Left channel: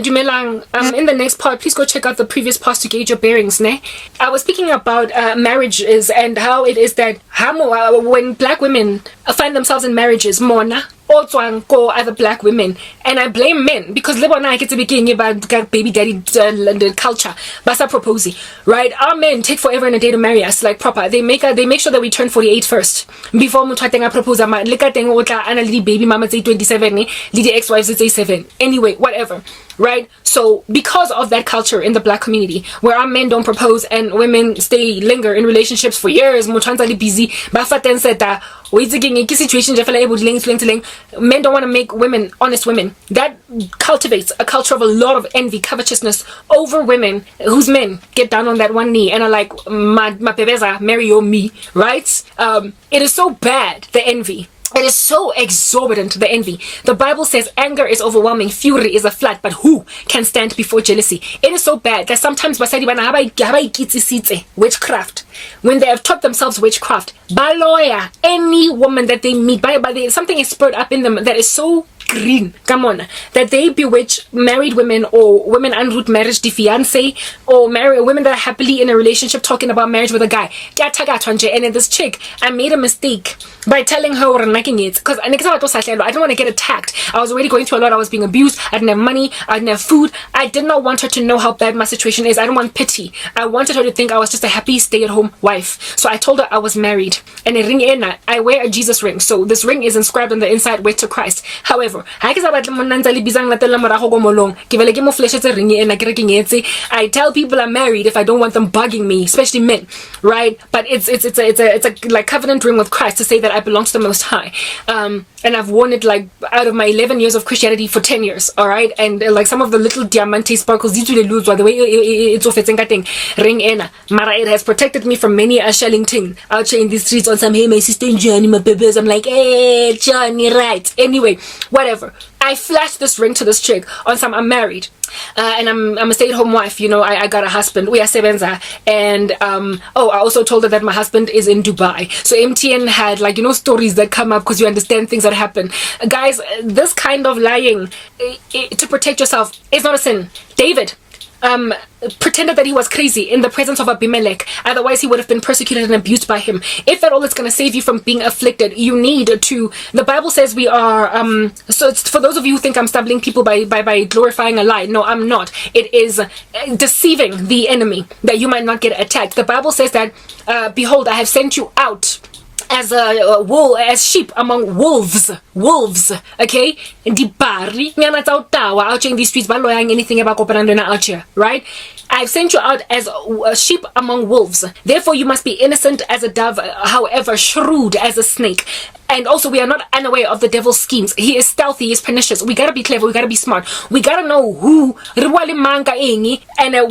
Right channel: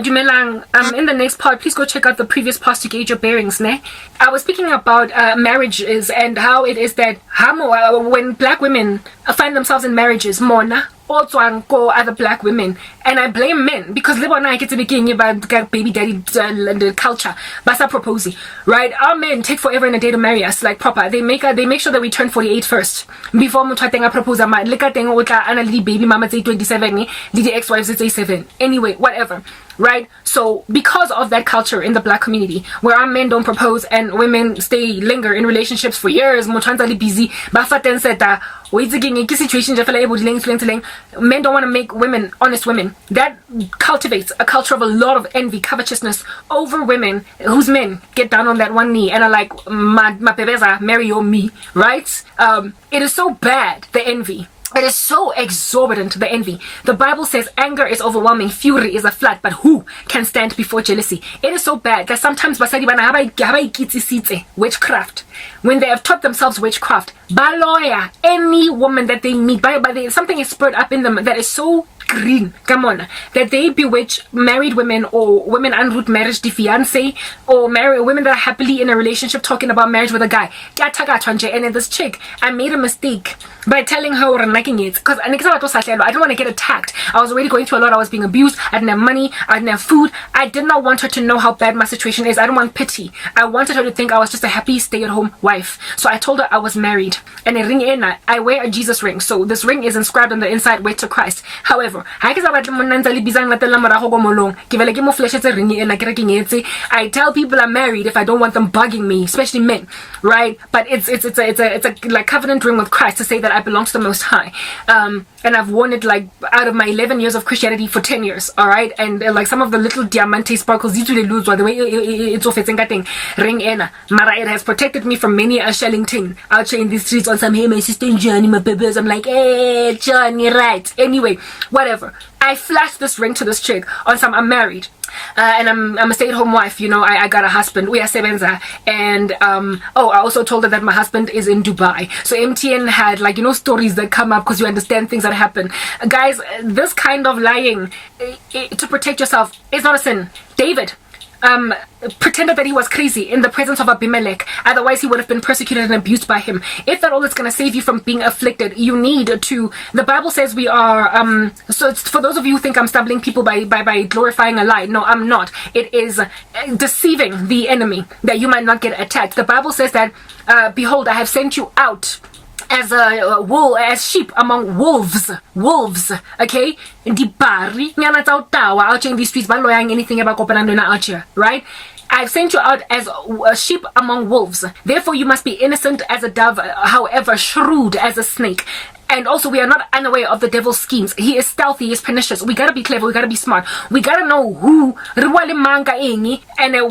Dumelang, in the next part, please go check out the previous part to gauge your bearings, ne? I was speaking about marriages and how it is that when black women find themselves in marriages, mona, or other black women, and I blame men because I get to begin about baby daddy culture, basa proposing, right? Our men take forever in a day to marry us, like proper. They make sure that we turn 48 first before mutwatenga propose ama. Look at baby mama say 27, the ex-wives say 7. Anyway, whatever. Right? So because of that culture in the black community where our men don't propose and women linger in relationships for years, busy, men don't want to make women honest women. That cultivates a culture of a lot of envy, covetousness over women whose men get down on that one knee and are like, my bebeza, marry or me, right? It is so bad, the envy. It is so exorbitant, the envy. The Bible says anger is overwhelming, fury is a flood, but who can stand before jealousy? It is so bad that sometimes witchcraft, when they have taught themselves witchcraft, Boloi, any woman that they meet, something is spurred up in them that is so green, come on, that they bewitch married women or women en route marriage, the fiance, or married women that are happily in a relationship talking about marriage with a guy. And then this chick, I made a mistake by telling her what I'm liking it because I didn't want to get attacked. I was already going through a lot. I was being abused. I didn't have money. I didn't have food. I did not want her to know how bad my situation is. I didn't want pity. I wanted her to think I was just a happy stay-at-home wife. So I told her I was married. And I wear a Jesus ring. So this ring is inscribed on the inside, way to Christ. However, I tell people I'm married if I don't want them bugging me, especially men, right? But it's a like covenant ring with Christ to say that I belong to the Most High. And I've worn it like out of my 11 years of Christianity for 10 years, all right? And like some of the little diamante sparkles, the way it's ring ena. Mara, it has protected me from many a shelling thing out here in the streets on some, hey, my sister Johnny, my babies. I'm like, hey, Johnny, right? Anyway, whatever. I flashed this ring to this chick on some, I'm married. And I'm a stay-at-home wife, I got a husband. We are sebenza. And I also told her that my husband is in Dubai. So MTN had stories that come up because you understand things that happen. Guys, this kind of lying to protect yourself is not a sin. David pretended that he was crazy in the presence of Abimelech. Otherwise, he would have been persecuted and abused by him. If that all is going to save you from being afflicted, you need to. The Bible says we are. So it's, for those of you who think I'm stumbling people by glorifying a lie, no, I'm not. It is deceiving the enemy that you might not get attacked. The Bible says that, behold, I have sent you out as as sheep among wolves, okay? Out in these streets, anything about out here, right? I've sent you out as a sheep among wolves. Therefore, you must be innocent as a dove, however shrewd as a snake. And also, we are not unaware of the devil's schemes. He is stealthy, he is pernicious. We gotta be clever, we gotta be smart. We gotta know who, and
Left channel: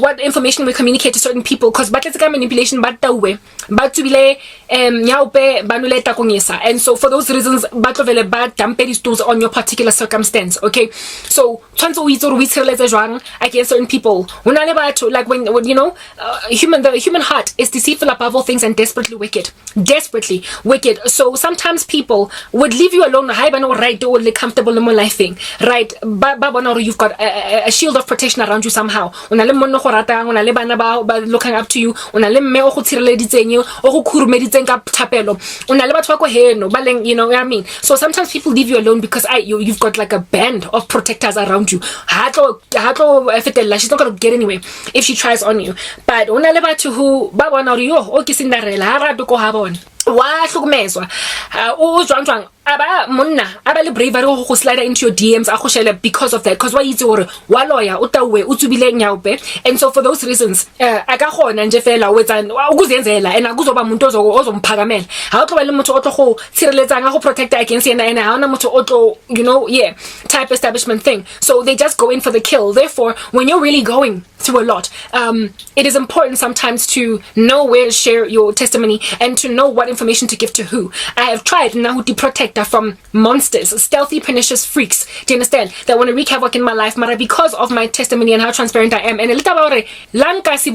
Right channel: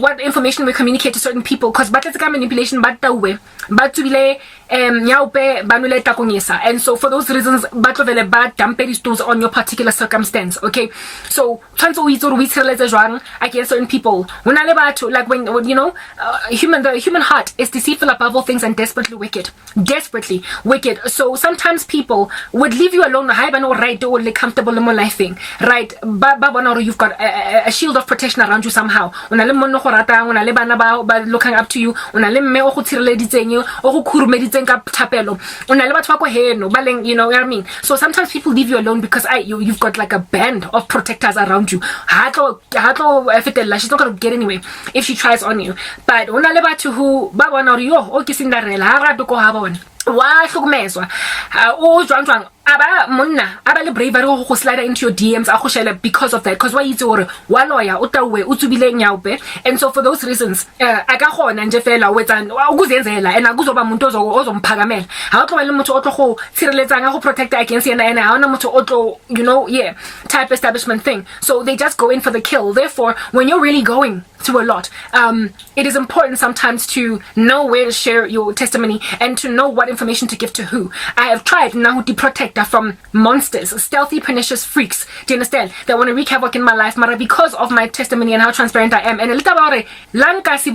what information we communicate to certain people. Because manipulation, and so for those reasons, these tools on your particular circumstance, okay? So, against certain people. Like when the human heart is deceitful above all things and desperately wicked. Desperately wicked. So sometimes people would leave you alone, right, or comfortable in life thing, right? You've got a shield of protection around you somehow. Looking up to you. You know what I mean? So sometimes people leave you alone because you've got like a band of protectors around you. She's not gonna get anywhere if she tries on you. But to who aba bravery go slide into your DMs because of that, because why is or waloya utawe utsubile nyaupe. And so for those reasons akagona nje fela wetsa ukuzenzela and akuzoba umuntu ozomphakamela ha utlo le motho otlo go tshireletsa go protect against yena and ha ona motho otlo type establishment thing. So they just go in for the kill. Therefore, when you're really going through a lot, it is important sometimes to know where to share your testimony and to know what information to give to who. I have tried now to protect protector from monsters, stealthy, pernicious freaks. Do you understand? That want to wreak havoc in my life, mara because of my testimony and how transparent I am. And guys,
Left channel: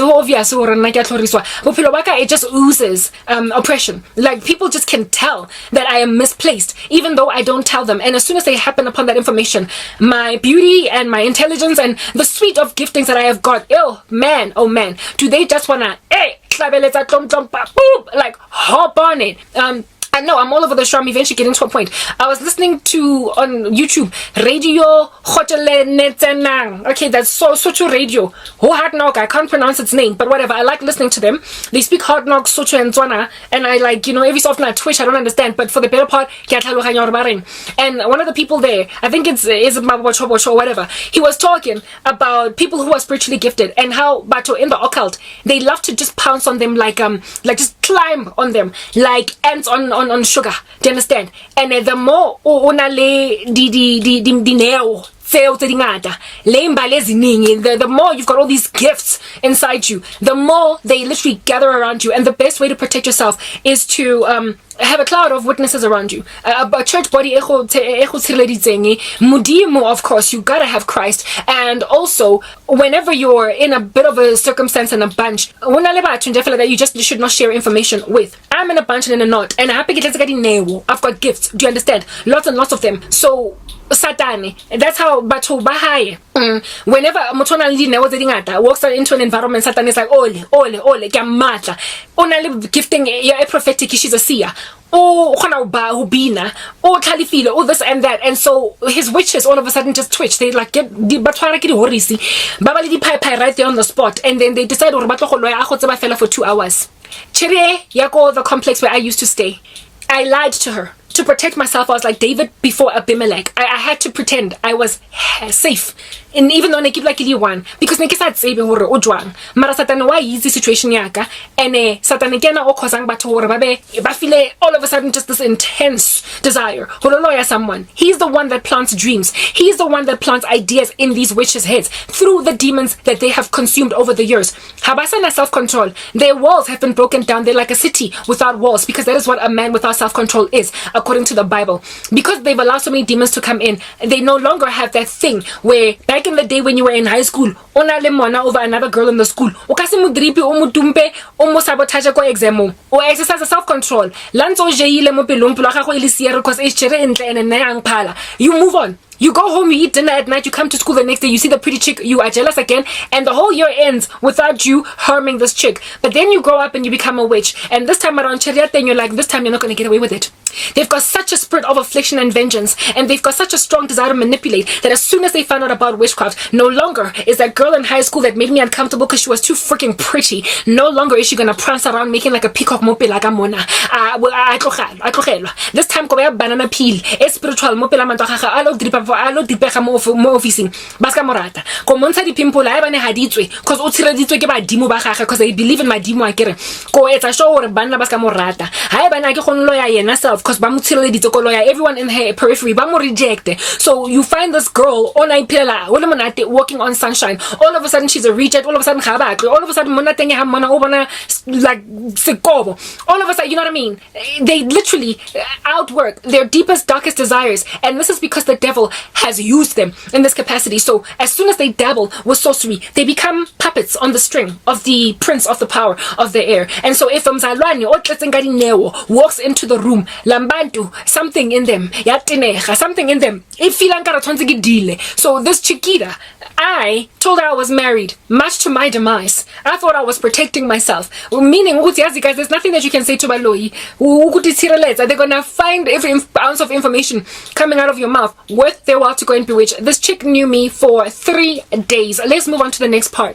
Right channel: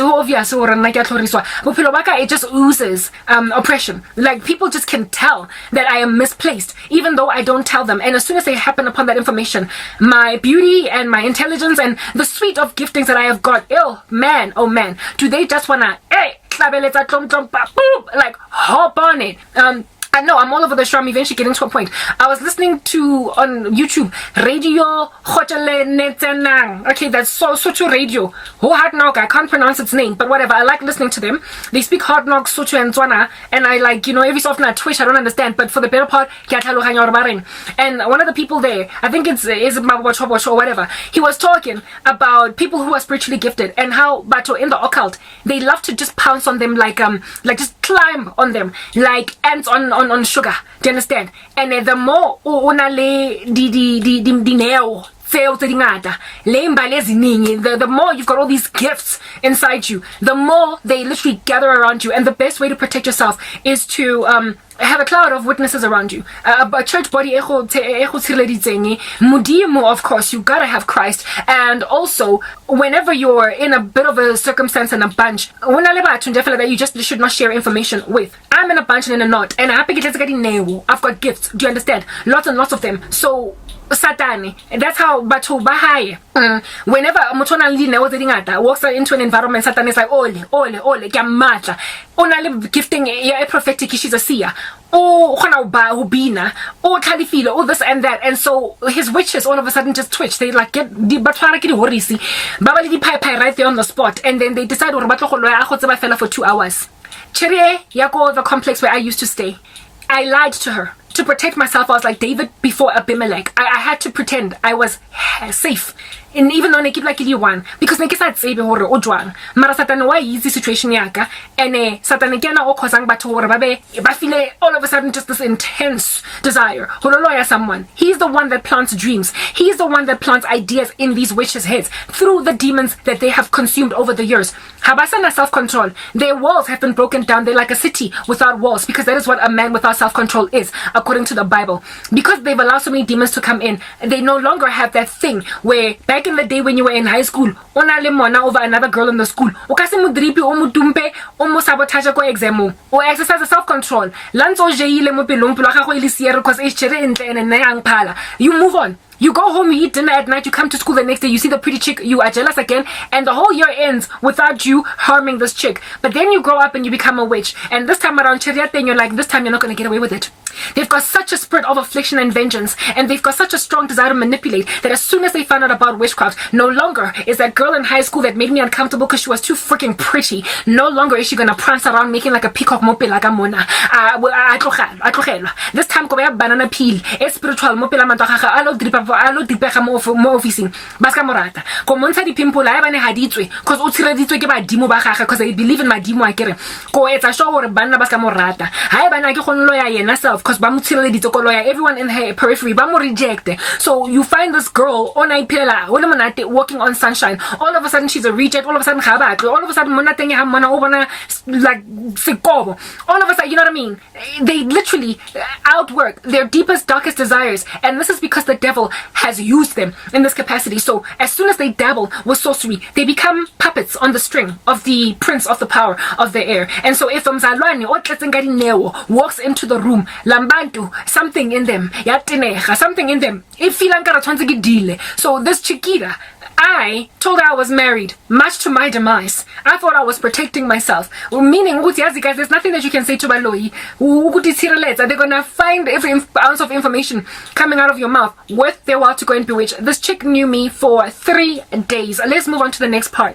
obvious it just oozes oppression. Like, people just can tell that I am misplaced, even though I don't tell them. And as soon as they happen upon that information, my beauty and my intelligence and the suite of giftings that I have got, oh man, do they just wanna like hop on it? I know I'm all over the show. I'm eventually getting to a point. I was listening to on YouTube Radio Khotele Netsenang. Okay, that's Sotho Radio. Ho Hard Knock. I can't pronounce its name, but whatever. I like listening to them. They speak Hard Knock, Sotho, and Tswana, and I like, every so often I twitch. I don't understand, but for the better part, and one of the people there, I think it's Mabocho or whatever. He was talking about people who are spiritually gifted and how, but in the occult, they love to just pounce on them like just climb on them like ants on sugar. Do you understand? And the more the more you've got all these gifts inside you, the more they literally gather around you. And the best way to protect yourself is to have a cloud of witnesses around you. A church body, Mudimu, of course, you gotta have Christ. And also, whenever you're in a bit of a circumstance and a bunch, that you just should not share information with. I'm in a bunch and in a knot, and I've got gifts. Do you understand? Lots and lots of them. So Satani. That's how Batu Bahai. Whenever Motona walks into an environment, Satan is like, ole, Gamata. Only gifting a prophetic, she's a seer. Oh, Hubina, oh, Kalifila, all this and that. And so his witches all of a sudden just twitch. They like get the Batwaraki Horisi, Babali Pai right there on the spot. And then they decide for 2 hours. Cherie, Yako, the complex where I used to stay. I lied to her. To protect myself, I was like David before Abimelech. I had to pretend I was safe. And even though I keep like one, because I said saving or ojwang. Mara Satan why easy situation yaka. And Satan again o causing but feel all of a sudden just this intense desire. Hololoya someone. He's the one that plants dreams. He's the one that plants ideas in these witches' heads through the demons that they have consumed over the years. Habasana self-control. Their walls have been broken down. They're like a city without walls, because that is what a man without self-control is, according to the Bible. Because they've allowed so many demons to come in, they no longer have that thing where back in the day when you were in high school, over another girl in the school, or sabotage ko exam, or exercise self-control. You move on. You go home, you eat dinner at night, you come to school the next day, you see the pretty chick, you are jealous again, and the whole year ends without you harming this chick. But then you grow up and you become a witch, and this time around, and you're like, this time you're not going to get away with it. They've got such a spirit of affliction and vengeance, and they've got such a strong desire to manipulate, that as soon as they found out about witchcraft, no longer is that girl in high school that made me uncomfortable because she was too freaking pretty, no longer is she going to prance around making like a peacock mope like a mona. This time, banana peel, spiritual mope la alo dipega mo officing baska morata ko montsha dipimple ha bane haditswe cause o tshreditswe ke badimo ba gagwe cause they believe in madimo a kere ko etsa show gore banna baska morata ha bana ke gonlo ya yena self cause ba mo tshireleditse ko loya everyone in her periphery ba mo reject. So you find this girl on ipela wole monate walking on sunshine, all of a sudden she's a reject, all of a sudden ga ba all of a sudden monate ha mona o bona like sekobo, all of a sudden, you know what I mean, they literally outwork their deepest darkest desires, and this is because the devil has used them in this capacity. So as soon as they dabble with sorcery, they become puppets on the string of the prince of the power of the air. And so if Mzalwane or walks into the room, lambantu, something in them, something in them, so this chiquita, I told her I was married, much to my demise. I thought I was protecting myself. Meaning, guys, there's nothing that you can say to Boloi. They're gonna find every ounce of information coming out of your mouth worth their while to go and bewitch. This chick knew me for 3 days. Let's move on to the next part.